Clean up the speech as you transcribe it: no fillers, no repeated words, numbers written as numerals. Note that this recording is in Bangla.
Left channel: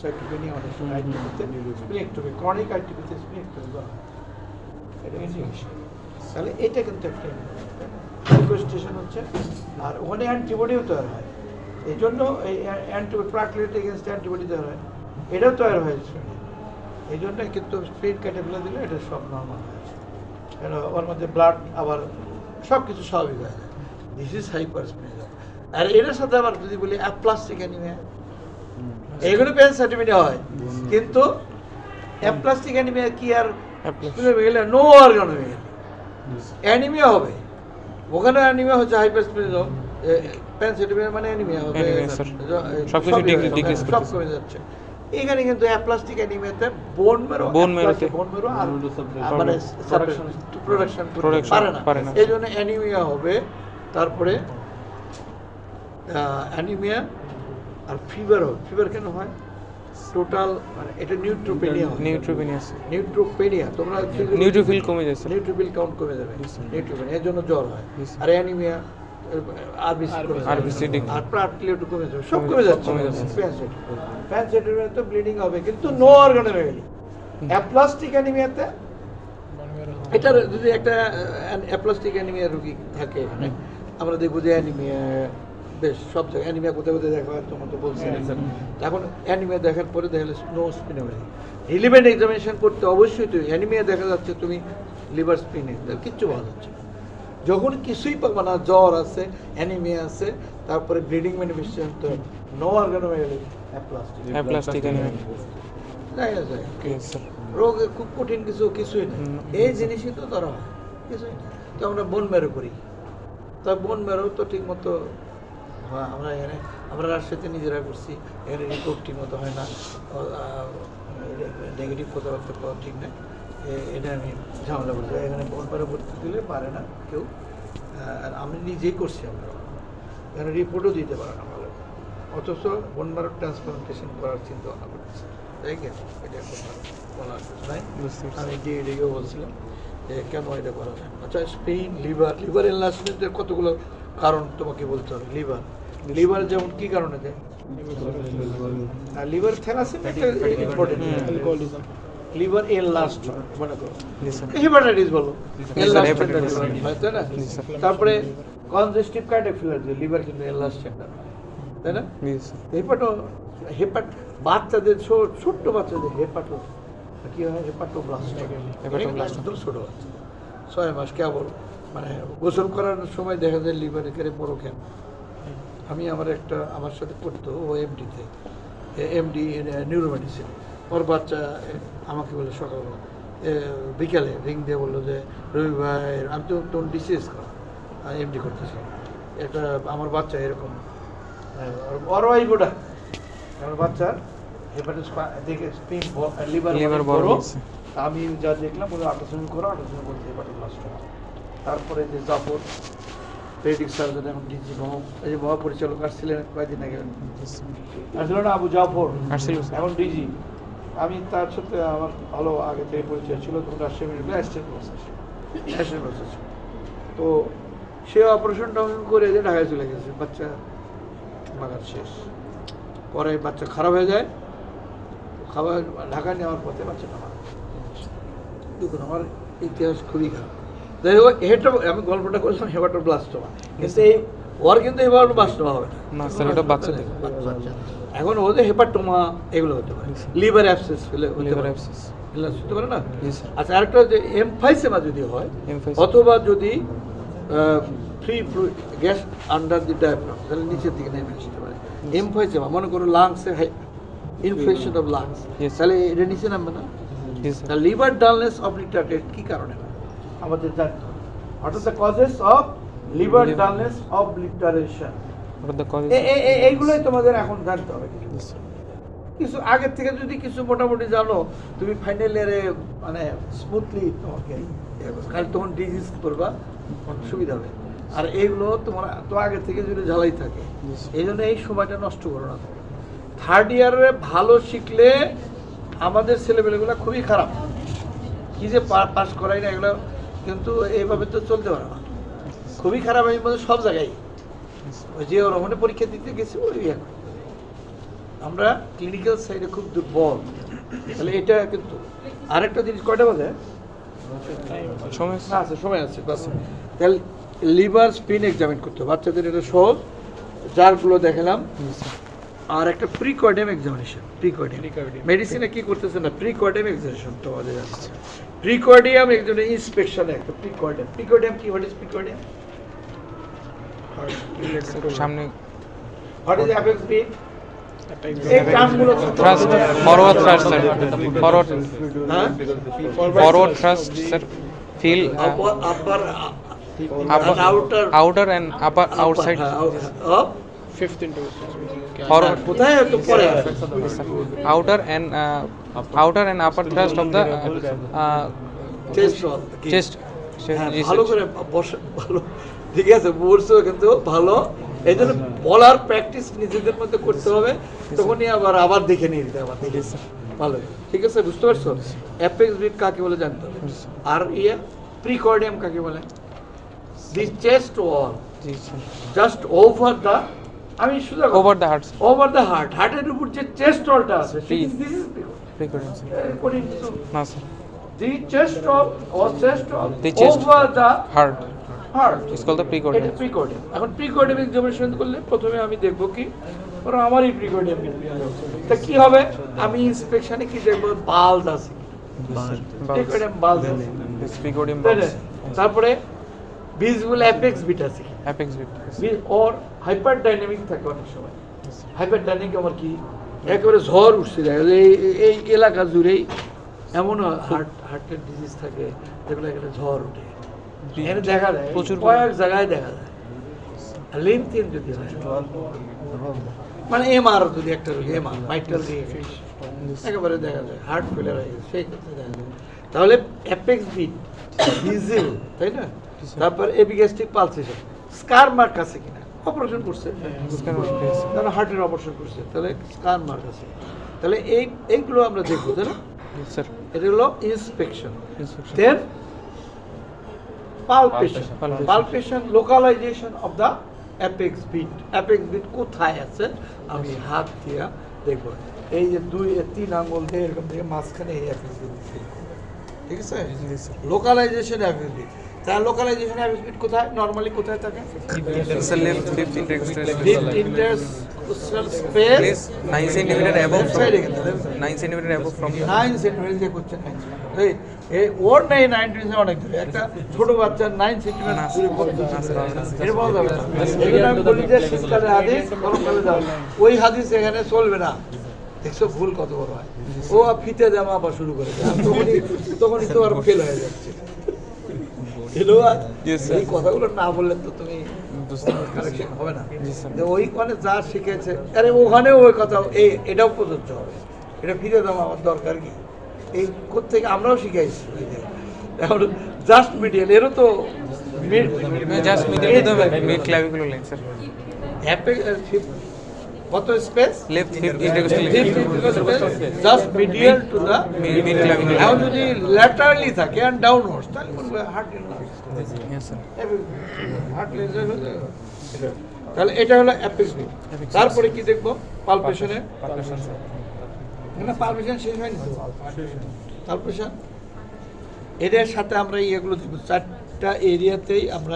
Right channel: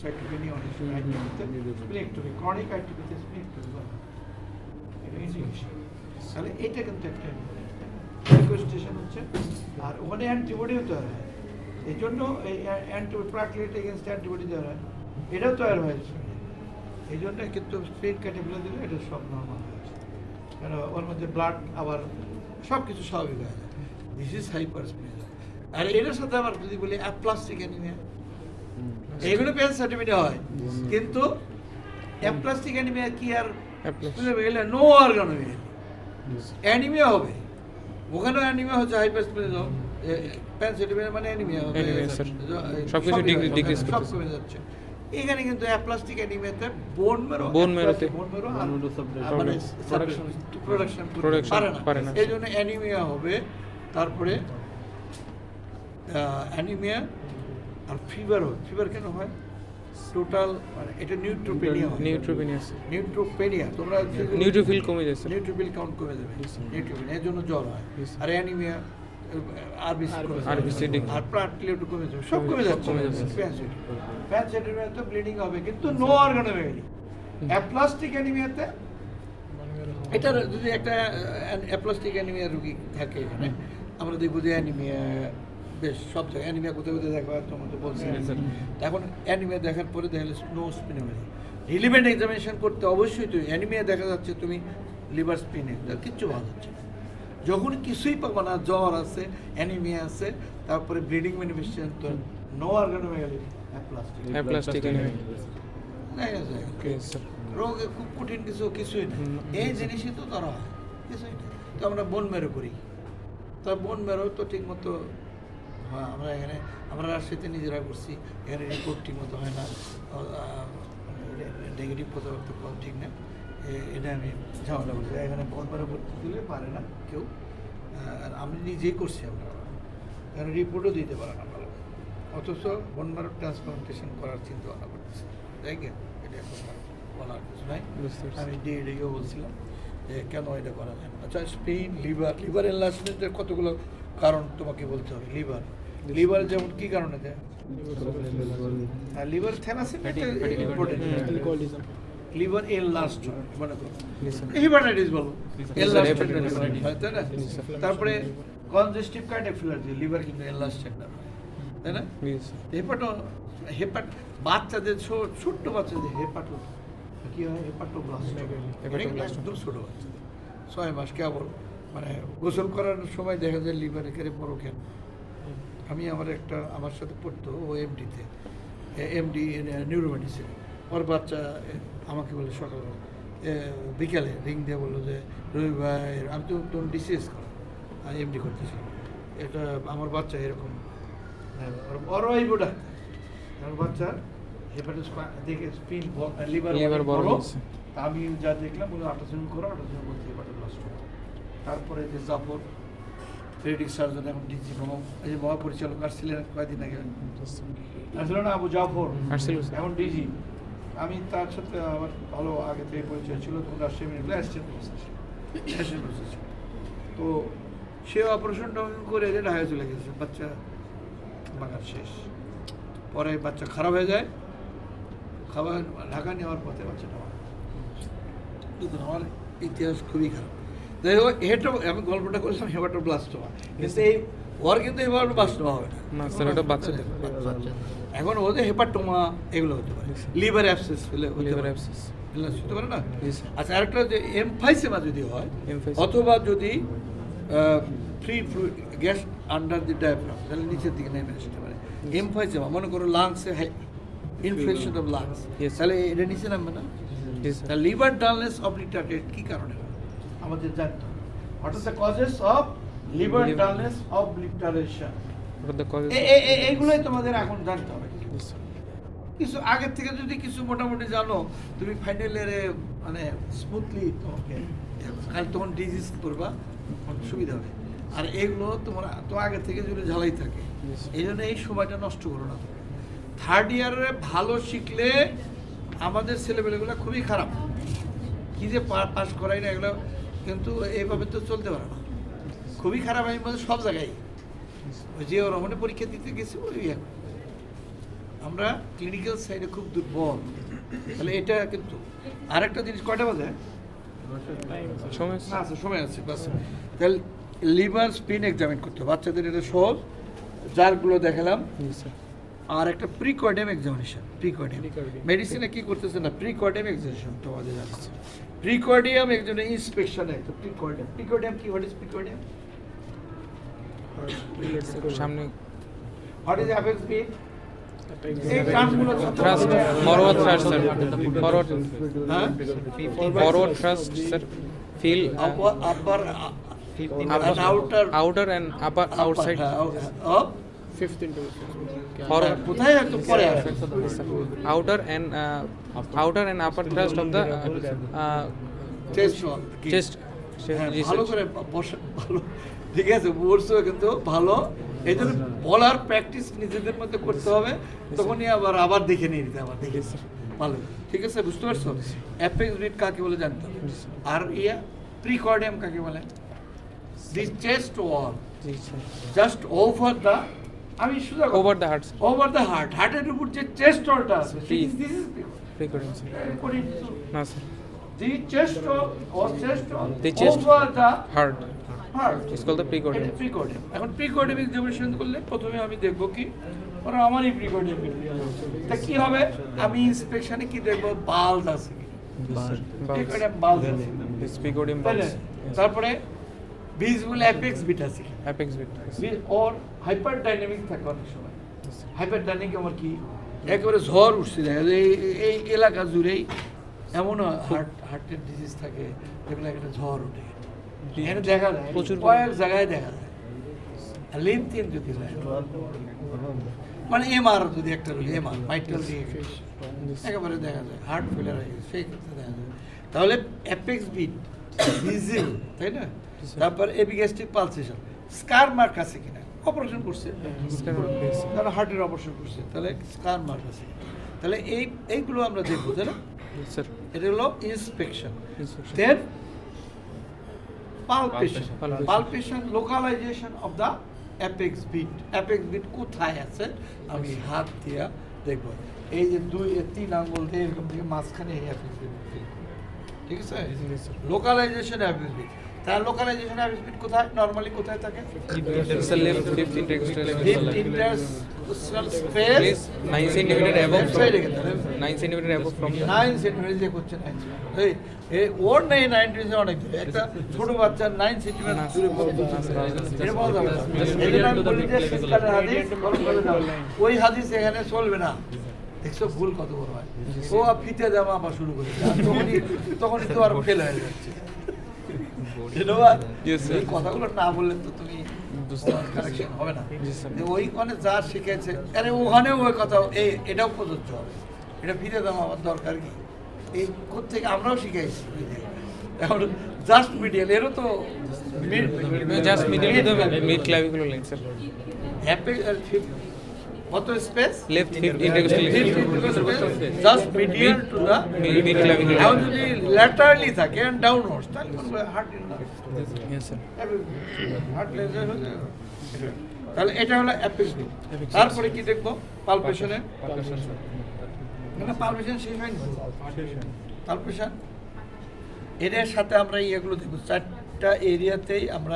সাইটোপেনিয়া অনেক সময় আইটিভিতে স্প্লেক্টমি ক্রনিক আইটিভিতে স্প্লেক্টমি দেওয়া হয়। এটা কিন্তু তাহলে এটা কিন্তু একটা রিকোয়েস্টেশন হচ্ছে। আর ওখানে অ্যান্টিবডিও তৈরি হয়, এই জন্য এই অ্যান্টিবডি প্রাকলিট এগেনস্ট অ্যান্টিবডি তৈরি হয়, এটাও তৈরি হয়েছে। এই জন্য কিন্তু স্প্রিন কেটে ফেলে দিলে এটা সব নর্মাল হয়েছে, কেন ওর মধ্যে ব্লাড আবার সব কিছু স্বাভাবিক হয়ে যায়। This is হাইপারস্প্লেনিজম। আর এটার সাথে আবার যদি বলি অ্যাপ্লাস্টিক অ্যানিমিয়া, এইগুলো প্যানসাইটোপেনিয়া হয়, কিন্তু অ্যাপ্লাস্টিক অ্যানিমিয়া কি আর গেলে নো অর্গান হয়ে গেলে অ্যানিমিয়া হবে। ওখানে অ্যানিমিয়া হচ্ছে হাইপারস্প্লেনিজম, প্যানসাইটোপেনিয়া মানে অ্যানিমিয়া হবে, সব কমে যাচ্ছে। এখানে কিন্তু অ্যাপ্লাস্টিক অ্যানিমিয়াতে বোন মেরো আর মানে প্রোডাকশন পারে না, এই জন্য অ্যানিমিয়া হবে। তারপরে অ্যানিমিয়া আর ফিভার হবে। ফিভার কেন হয়? টোটাল মানে এটা নিউট্রোপেনিয়া তোমরা নিউট্রোফিল কমে যাচ্ছে, নিউট্রোফিল কাউন্ট কমে যাবে, নিউট্রোপেনিয়া এর জন্য জ্বর হয়। আর অ্যানিমিয়া আরবিসি আর প্লাটলেট কমে যাবে, সব কমে যাচ্ছে। প্যানসাইটোপেনিয়া তো ব্লিডিং হবে, কিন্তু নো অর্গানোমেগালি। অ্যাপ্লাস্টিক অ্যানিমিয়াতে এটা যদি একটা অ্যাপ্লাস্টিক অ্যানিমিয়া রোগী থাকে এখানে, আমরা দেখবো যে অ্যানিমিয়া বেশ সব জায়গায় অ্যানিমিয়া কোথায় কোথায় দেখা হয়, তোমার তো বলছি। এখন অ্যানিমিয়া দেখার পরে দেখা গেলে নো স্পিনোমেগালি, রিলিভেন্ট এক্সামিনেশন করতে অবশ্যই। তো অ্যানিমিয়া দেখা যাচ্ছে তুমি লিভার স্পিনে কিচ্ছু ভালো যাচ্ছে, যখন কিছুই পাবো না, জ্বর আছে, অ্যানিমিয়া আছে, তারপরে ব্লিডিং ম্যানিফেস্টেশন, তো নো অর্গানোমেগালি অ্যাপ্লাস্টিক অ্যানিমিয়া রোগ খুব কঠিন কিছুই না। এই জিনিসই তো ধরা হয়, কিছুই না। তো আমরা বোন মেরো করি, তা বোন মেরো তো ঠিক মতো আমরা এখানে আমরা রাজশাহীতে নিজেরা করছি, এখানে রিপোর্ট ঠিক মতো হয় না, নেগেটিভ কথাবার্তা পাওয়া ঠিক না। এটা আমি ঝামেলা করছি, এখানে বোন মেরো করতে দিলে পারে না কেউ, আর আমি নিজেই করছি। আমরা এখানে রিপোর্টও দিতে পারে না ভালো, অথচ বোন মেরো ট্রান্সপ্লান্টেশন করার চিন্তা ভাবনা করছি। তাই কি এটা বলার কিছু নাই। আমি ডিএডিকেও বলছিলাম যে কেন এটা করা যায় না। আচ্ছা, স্পেন লিভার এনলার্জমেন্টের কতগুলো কারণ তোমাকে বলতে হবে। লিভার যেমন কি কারণে দেয়, আর liver thalassemia important. Liver enlarged মনে করো, হেপাটাইটিস বলো, এনলার্জড হয়, তাই না? তারপরে কনজেস্টিভ কার্ডিয়াক ফেলিয়ার, লিভার কিন্তু এনলার্জড একটা, তাই না? বাচ্চাদের ছোট্ট বাচ্চাদের কি হয়, হেপাটোব্লাস্ট, একদম ছোট বাচ্চা 6 মাস কেবল, মানে গোসল করার সময় দেখা যায় লিভার একেবারে বড় কেন। আমি আমার সাথে পড়তো, ও এমডি নিউরোমেডিসিন, ওর বাচ্চা আমাকে বলে সকালবেলা বিকালে রিং দিয়ে বললো যে রবি ভাই, আমি তো তখন ডিসিএস করা এমডি করতেছিলাম, এটা আমার বাচ্চা এরকম অরওয়াইবোটা, আমার বাচ্চার হেপাটাইটিস দেখে স্পিন লিভার বড়। আমি যা দেখলাম বলে আল্ট্রাসাউন্ড করো, আল্ট্রাসাউন্ড করতে হেপাটোব্লাস্ট। তারপরে যে জাফর পেডিক সার্জন, এখন ডিজি এই যে মহাপরিচালক আসছিলেন কয়েকদিন আগে, আসছিল না আবু জাফর, এখন ডিজি। আমি তার সাথে আমার ভালো আগে থেকে পরিচয় ছিল, তখন রাজশাহী মেডিকেল অ্যাসিস্ট্যান্ট প্রসেস। তো সে অপারেশন করে যে ঢাকায় চলে গেছে, বাচ্চা বাগার শেষ। পরে বাচ্চা খারাপ হয়ে যায়, খাবার ঢাকা নেওয়ার পথে বাচ্চা খারাপ। আমার ইতিহাস খুবই খারাপ। আমি গল্পটা করলাম হেপাটোব্লাস্টোমা, কিন্তু এই ওর কিন্তু হেপাটোব্লাস্টোমা হবে না, বাচ্চা। এখন ওদের হেপাটোমা এগুলো হতে পারে, লিভার অ্যাবসেস হতে পারে না। আচ্ছা, আরেকটা যে এমফাইসেমা যদি হয়, অথবা যদি free fluid gas under the diaphragm, তাহলে নিচের দিকে নেমে আসতে পারে। এমফাইসেমা মনে করো লাংসে ইনফেকশন অফ লাংস, তাহলে এটা নিচে নামবে না। লিভার ডালনেস অবলিটারেটেড কি কারণে হয় আমাদের জানতে হবে। What are the causes of liver dullness obliteration, এইগুলোই তোমাদের এখন জানতে হবে। কিছু আগের থেকে যদি কিছু মোটামুটি জানো, তুমি ফাইনাল ইয়ারে মানে স্মুথলি তোমাকে খালি তখন ডিজিজ করবা, সুবিধা হবে। আর এইগুলো তোমার তো আগে থেকে যদি ঝালাই থাকে, এই জন্য এই সময়টা নষ্ট করো না। থার্ড ইয়ারে ভালো শিখলে আমাদের ছেলেমেয়েগুলো খুবই খারাপ, কি যে পাস করাই না এগুলো, কিন্তু এইভাবে তো চলতে পারে না, খুবই খারাপ। আমি বলছি সব জায়গায় ওই যে ওর পরীক্ষা দিতে গেছি ওই আমরা ক্লিনিক্যাল সাইডে খুব দুর্বল, তাহলে এটা কিন্তু আরেকটা জিনিস কয়টা বাজে সময় না আছে, সময় আছে বাস। তাহলে লিভার স্পিন এক্সামিন করতে হবে বাচ্চাদের, এটা সহজ, যারগুলো দেখালাম। আর একটা প্রিকর্ডিয়াম এক্সামিনেশন, প্রিকর্ডিয়াম মেডিসিনে কি করতেছে না, প্রিকর্ডিয়াম এক্সামিনেশন তো আমাদের আছে। প্রিকর্ডিয়াম একজন ইন্সপেকশন, একটা প্রিকর্ডিয়াম, প্রিকর্ডিয়াম কি, হোয়াট ইজ প্রিকর্ডিয়াম? সামনে হোয়াট ইজ অ্যাপেক্স বিট? এই টার্মগুলো thrust, forward thrust sir, forward হ্যাঁ, forward thrust sir, feel upper upper outer and upper outside forward কোথায় তো পরে আসে? outer and upper thrust of the chest chest. হ্যাঁ, ভালো করে বসে, ভালো ঠিক আছে বলছো কিন্তু ভালো, এই জন্য বলার প্র্যাকটিস নিজেদের মধ্যে করতে হবে, তখনই আবার দেখে নিয়ে নিতে হবে, দেখে ভালো, ঠিক আছে, বুঝতে পারছো? অ্যাপেক্স বিট কাকে বলে জানতে হবে, আর প্রিকর্ডিয়াম কাকে বলে? দি chest wall just over the, আমি শুধু over the heart over the heart, হার্টের উপর যে চেস্ট ওয়ালটা আছে, Please. দিস ইজ frequency না sir, the chest wall or chest wall The chest. over the heart heart. is called the precordium. এটা প্রিকর্ডিয়াম। এখন প্রিকর্ডিয়াম এক্সামিনেশন করলে প্রথমে আমি দেখবো কি, ধরো আমারই প্রিকর্ডিয়াম, তা কি হবে, আমি ইন্সপেকশনে কি দেখবো, বাল্ব আছে কি, প্রিকর্ডিয়াম বাল্ব আছে, This precordium তাই না? bulb, তারপরে ভিজিবল অ্যাপেক্স বিট আছে কি, apex bit. ওর হাইপার ডাইনামিক থাকে অনেক সময়। হাইপার ডাইনামিক আমার কি, একেবারে ঝড় উঠছে, দেখা যায় এই এলাকা জুড়েই এমনও হার্টের ডিজিজ থাকে যেগুলো এখানে ঝড় উঠে, এখানে দেখা যায় প্রচুর কয়েক জায়গায় দেখা যায়। লিনথিন যদি হয়, মানে এমআর যদি একটা রোগী এমআর মাইটাল দিয়ে একেবারে দেখা যায় হার্ট ফেলার হয়ে গেছে, সেই ক্ষেত্রে দেখা যায়। তাহলে অ্যাপেক্স বিট ভিজিবল, তাই না? তারপর এপিগ্যাস্ট্রিক পালসেশন, স্কার মার্ক আছে কিনা, অপারেশন করছে, Scan mark, yes. তাহলে হার্টের অপারেশন করছে, তাহলে স্কার মার্ক আছে, তাহলে এইগুলো আমরা দেখবো, তাই না? Yes, sir. এটা হলো inspection. Inspection. Then palpation, Palpation. Palpation localization of the apex beat, অ্যাপেক্স বিট কোথায় আছে আমি হাত দিয়া দেখবো, এই যে 2-3 আঙ্গুল দিয়ে এরকম থেকে মাঝখানে এই অ্যাপেক্স বিট, ঠিক আছে? Yes, sir. Localization apex beat, তার লোকালাইজেশন অ্যাপেক্স বিট কোথায় নরমালি কোথায় থাকে? It's the left fifth intercostal fifth space. Intercostal space, Place 9 centimeter above from সাইডে গেলে 9 centimeter above from the 9 centimetre যে করছে 9 সেন্টিমিটার, এই ওর নেই 9 সেন্টিমিটার অনেক দূরে, একটা ছোট বাচ্চা 9 সেন্টিমিটার দূরে বলতে এটা বলা যাবে না। এখানে আমি বলি যে শীতকালে হাদিস গরমকালে যাবে, ওই হাদিস এখানে চলবে না, দেখছো ভুল কত বড় হয়, ও ফিতে জামা আবার শুরু করে দেয়, আর তখনই তো আর ফেল হয়ে যাচ্ছে। Yes, sir. এই কথাগুলো না বললে তো তুমি কারেকশন হবে না, Yes, sir. যে ওইখানে যা শিখেছে আরে ওখানেও ওই কথা এটাও প্রযোজ্য হবে, এটা ফিরে দাম আমার দরকার কি, এই কোত্থেকে আমরাও শিখাইছি ওই যে এখন জাস্ট মিডিয়াল, এরও তো just medial to the mid clavicular line, sir. কত space, Left fifth intercostal space. Just medial to the Mid clavicular এখন line. যদি ল্যাটারালি থাকে অ্যান্ড ডাউনওয়ার্ডস তাহলে বলবে হার্ট Yes, sir. তাহলে এটা হলো অ্যাপেক্স বিট। তারপরে কি দেখবো, পালপেশনে, Palpation, sir. না পালপেশন শেষ হয়নি, পালপেশন এটার সাথে আমরা এগুলো দেখবো, 4টা এরিয়াতেই আমরা